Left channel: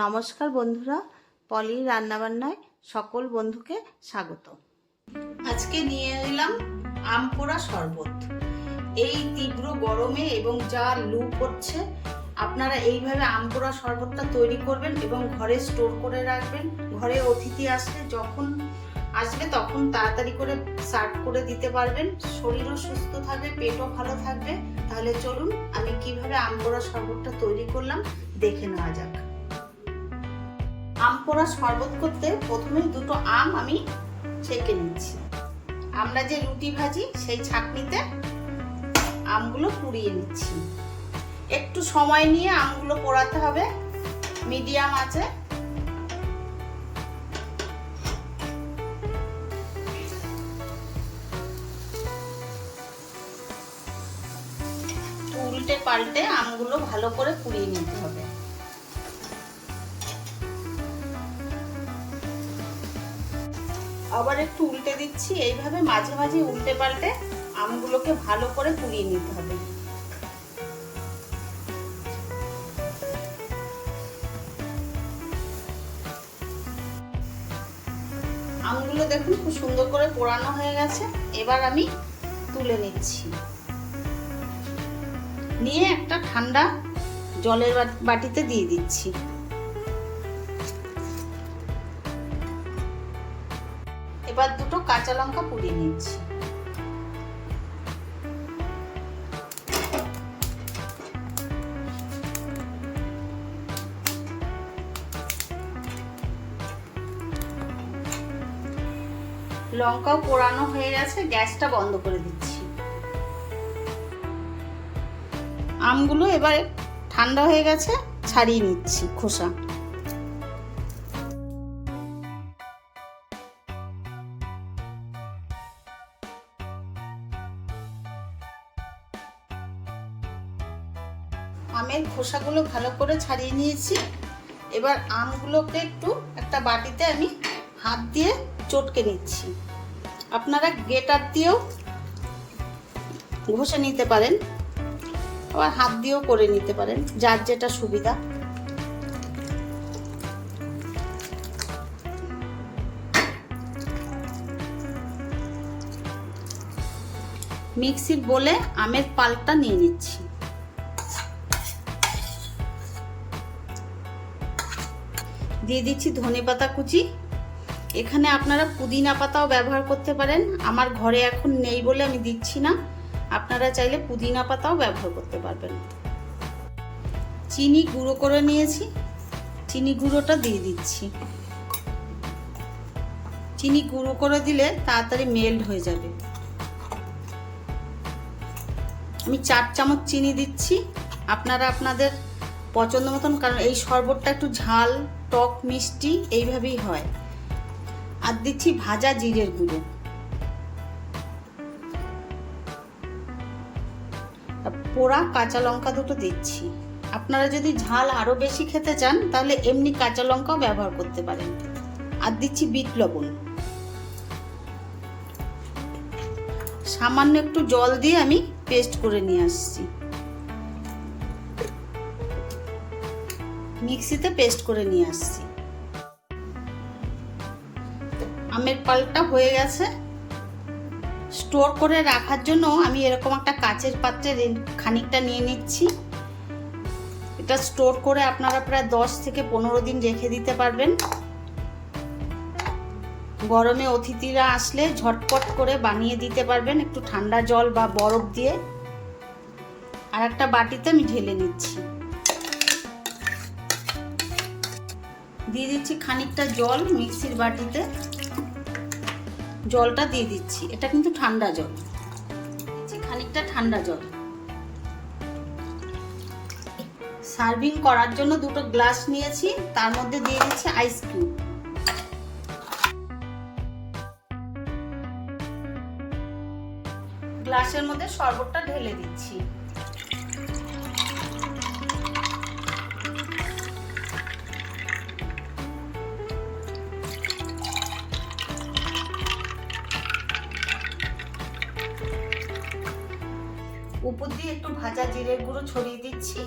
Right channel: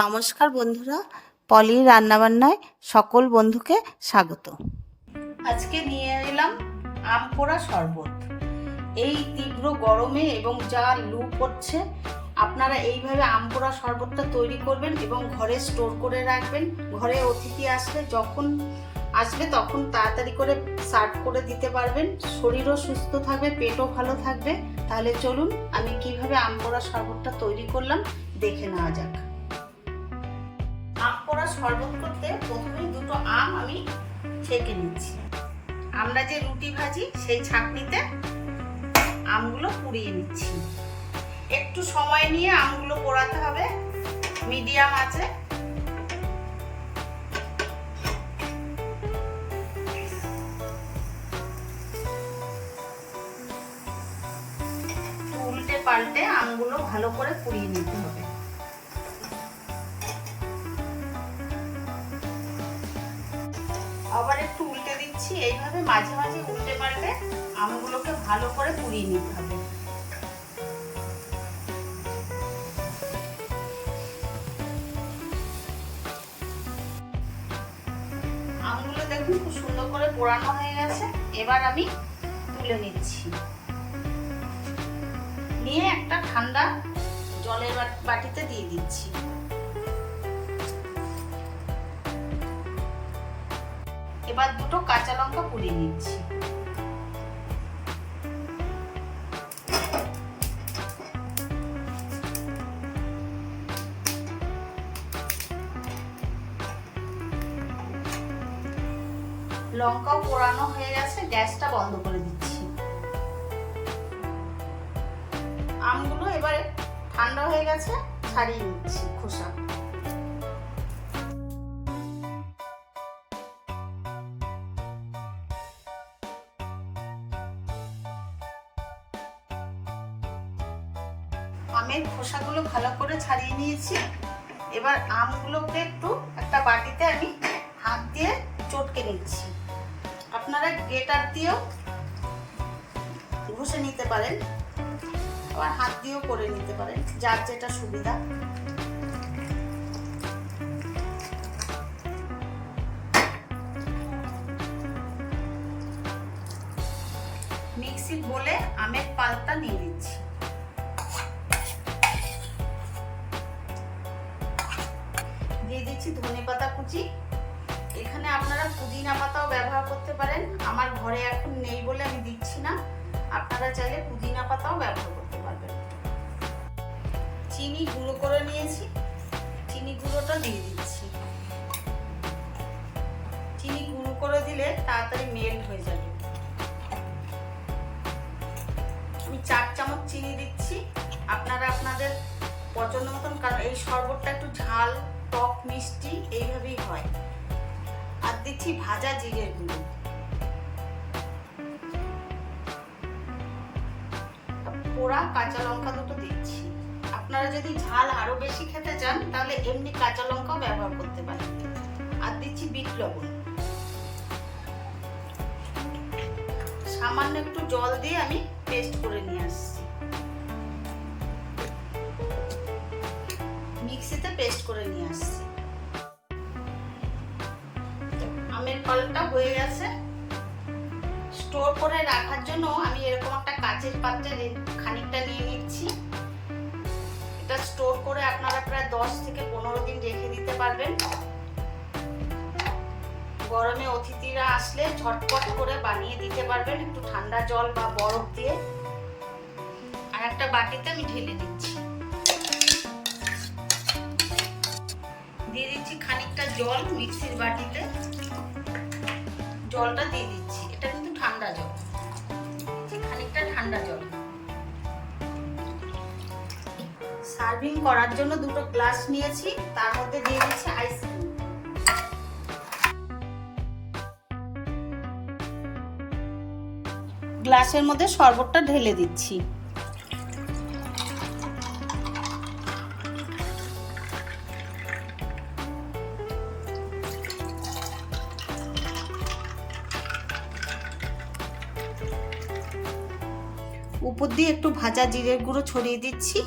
নমস্কার বন্ধুরা, পলির রান্নাবান্নায় সকল বন্ধুকে স্বাগত। আজকে নিয়ে এলাম আম পোড়া শরবত। এই তীব্র গরমে এবং যা লু পড়ছে, আপনারা এইভাবে আম পোড়া শরবতটা তৈরি করবেন এবং ঘরে স্টোর করে রাখবেন। ঘরে অতিথি আসলে যখন আসবে তখন তাড়াতাড়ি করে সার্ভ করে দিতে পারবেন। শরীরও সুস্থ থাকবে, পেটও ভালো থাকবে। তাহলে চলুন আমি কিভাবে আম পোড়া শরবতটা তৈরি করলাম দেখে নেওয়া যাক। আম পোড়া শরবত করতে প্রথমেই দুটো আম আমি ছেঁকে নিচ্ছি। আমরা যে রুটি ভাজি সেই ছাঁকনিতে আমগুলো পুড়িয়ে নিচ্ছি। একটু সময় নিয়ে আমগুলো পোড়াতে হবে মিডিয়াম আঁচে। উল্টে পাল্টে আমগুলো ভালো করে পুড়িয়ে নিতে হবে। আবার একটু উল্টে দিচ্ছি। এইভাবে মাঝে মাঝে উল্টে পাল্টে আমগুলোকে ভালো করে পুড়িয়ে নিতে হবে। আমগুলো দেখুন খুব সুন্দর করে পোড়ানো হয়ে গেছে। এবার আমি তুলে নিচ্ছি। নিয়ে একটা ঠান্ডা জলের বাটিতে দিয়ে দিচ্ছি। এবার দুটো কাঁচা লঙ্কা পুড়িয়ে নিচ্ছি। লঙ্কাও পোড়ানো হয়ে গেছে, গ্যাসটা বন্ধ করে দিচ্ছি। আমগুলো এবার ঠান্ডা হয়ে গেছে, ছাড়িয়ে নিচ্ছি খোসা। আমের খোসাগুলো ভালো করে ছাড়িয়ে নিয়েছি। এবার আমগুলোকে একটু একটা বাটিতে আমি হাত দিয়ে চটকে নিচ্ছি। আপনারা গ্রেটার দিয়েও ঘষে নিতে পারেন, আবার হাত দিয়েও করে নিতে পারেন, যার যেটা সুবিধা। মিক্সির বোলে আমের পাল্পটা নিয়ে নিচ্ছি। দিয়ে দিচ্ছি ধনেপাতা কুচি। এখানে আপনারা পুদিনা পাতাও ব্যবহার করতে পারেন। আমার ঘরে এখন নেই বলে আমি দিচ্ছি না। আপনারা চাইলে পুদিনা পাতাও ব্যবহার করতে পারবেন। চিনি গুঁড়ো করে নিয়েছি, চিনি গুঁড়োটা দিয়ে দিচ্ছি। চিনি গুঁড়ো করে দিলে তাড়াতাড়ি মেল্ট হয়ে যাবে। আমি 4 চামচ চিনি দিচ্ছি। আপনারা আপনাদের পছন্দ মতন, কারণ এই শরবতটা একটু ঝাল টক মিষ্টি এইভাবেই হয়। আর দিচ্ছি ভাজা জিরের গুঁড়ো। পোড়া কাঁচা লঙ্কা দুটো দিচ্ছি। আপনারা যদি ঝাল আরো বেশি খেতে চান তাহলে এমনি কাঁচা লঙ্কাও ব্যবহার করতে পারেন। আর দিচ্ছি বিট লবণ। সামান্য একটু জল দিয়ে আমি পেস্ট করে নিয়ে আসছি। মিক্সিতে পেস্ট করে নিয়ে আসছি। আমের পাল্পটা হয়ে গেছে। স্টোর করে রাখার জন্য আমি এরকম একটা কাচের পাত্রে খানিকটা নিয়ে নিচ্ছি। এটা স্টোর করে আপনারা প্রায় 10 থেকে 15 দিন রেখে দিতে পারবেন। গরমে অতিথিরা আসলে ঝটপট করে বানিয়ে দিতে পারবেন একটু ঠান্ডা জল বা বরফ দিয়ে। আর একটা বাটিতে আমি ঢেলে নিচ্ছি। দিয়ে দিচ্ছি খানিকটা জল মিক্সির বাটিতে। জলটা দিয়ে দিচ্ছি, এটা কিন্তু ঠান্ডা জল। খানিকটা ঠান্ডা জল। সার্ভিং করার জন্য দুটো গ্লাস নিয়েছি, তার মধ্যে দিয়ে দিচ্ছি আইসক্রিম। গ্লাসের মধ্যে শরবতটা ঢেলে দিচ্ছি। উপর দিয়ে একটু ভাজা জিরের গুঁড়ো ছড়িয়ে দিচ্ছি।